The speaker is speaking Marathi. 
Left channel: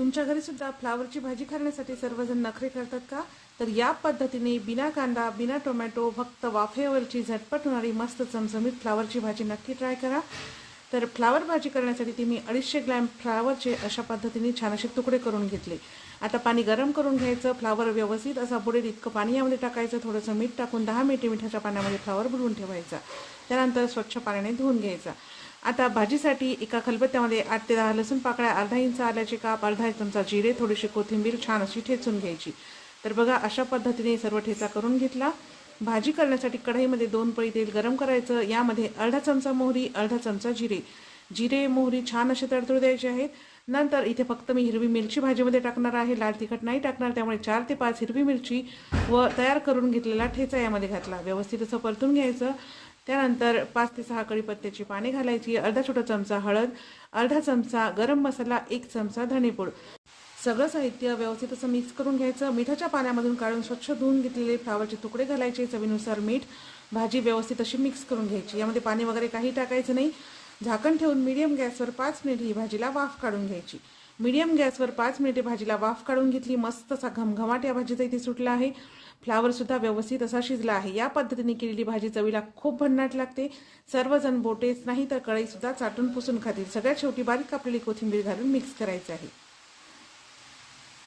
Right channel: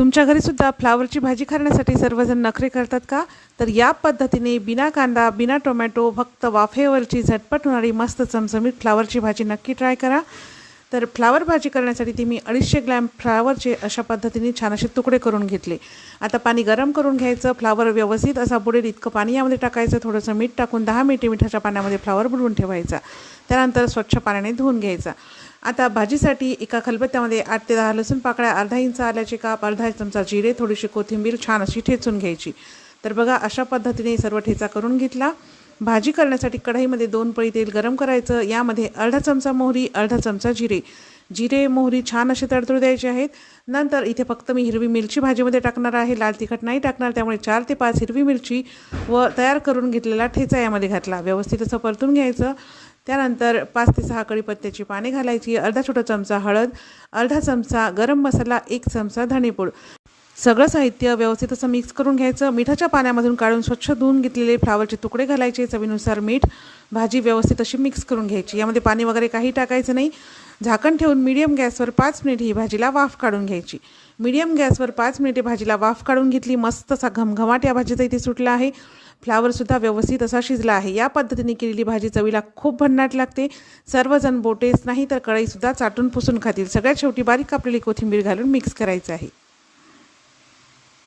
तुमच्या घरीसुद्धा फ्लावरची भाजी करण्यासाठी सर्वजण नखरे करतात का? तर या पद्धतीने बिना कांदा बिना टोमॅटो फक्त वाफेवरची झटपट होणारी मस्त चमचमीत फ्लावरची भाजी नक्की ट्राय करा. तर फ्लावर भाजी करण्यासाठी ती मी अडीचशे ग्रॅम फ्लावरचे अशा पद्धतीने छान असे तुकडे करून घेतले. आता पाणी गरम करून घ्यायचं फ्लावर व्यवस्थित असा बुडेल इतकं पाणी यामध्ये टाकायचं थोडंसं मीठ टाकून दहा मिनिटे मिठाच्या पाण्यामध्ये फ्लावर बुडवून ठेवायचा. त्यानंतर स्वच्छ पाण्याने धुवून घ्यायचा. आता भाजीसाठी एका खलबत्त्यामध्ये आठ ते दहा लसूण पाकळ्या अर्धा इंच आल्याचे काप अर्धा चमचा जिरे थोडीशी कोथिंबीर छान अशी ठेचून घ्यायची. तर बघा अशा पद्धतीने सर्व ठेचा करून घेतला. भाजी करण्यासाठी कढाईमध्ये दोन पळी तेल गरम करायचं. यामध्ये अर्धा चमचा मोहरी अर्धा चमचा जिरे. जिरे मोहरी छान असे तडतडू द्यायचे आहेत. नंतर इथे फक्त मी हिरवी मिरची भाजीमध्ये टाकणार आहे. लाल तिखट नाही टाकणार त्यामुळे चार ते पाच हिरवी मिरची व तयार करून घेतलेला ठेचा यामध्ये घातला. व्यवस्थित असं परतून घ्यायचं. त्यानंतर पाच ते सहा कढीपत्त्याची पाने घालायची. अर्धा छोटा चमचा हळद अर्धा चमचा गरम मसाला एक चमचा धणेपूड. सगळं साहित्य व्यवस्थित असं मिक्स करून घ्यायचं. मिठाच्या पाण्यामधून काढून स्वच्छ धुवून घेतलेले फ्लावरचे तुकडे घालायचे. चवीनुसार मीठ भाजी व्यवस्थित अशी मिक्स करून घ्यायची. यामध्ये पाणी वगैरे काही टाकायचं नाही. झाकण ठेवून मीडियम गॅसवर पाच मिनिट ही भाजीला वाफ काढून घ्यायची. मीडियम गॅसवर पाच मिनिटे भाजीला वाफ काढून घेतली. मस्त असा घमघमाट या भाजीचा इथे सुटला आहे. फ्लावरसुद्धा व्यवस्थित असा शिजला आहे. या पद्धतीने केलेली भाजी चवीला खूप भन्नाट लागते. सर्वजण बोटेच नाही तर कढईसुद्धा चाटून पुसून खातील. सगळ्यात शेवटी बारीक कापलेली कोथिंबीर घालून मिक्स करायचं आहे.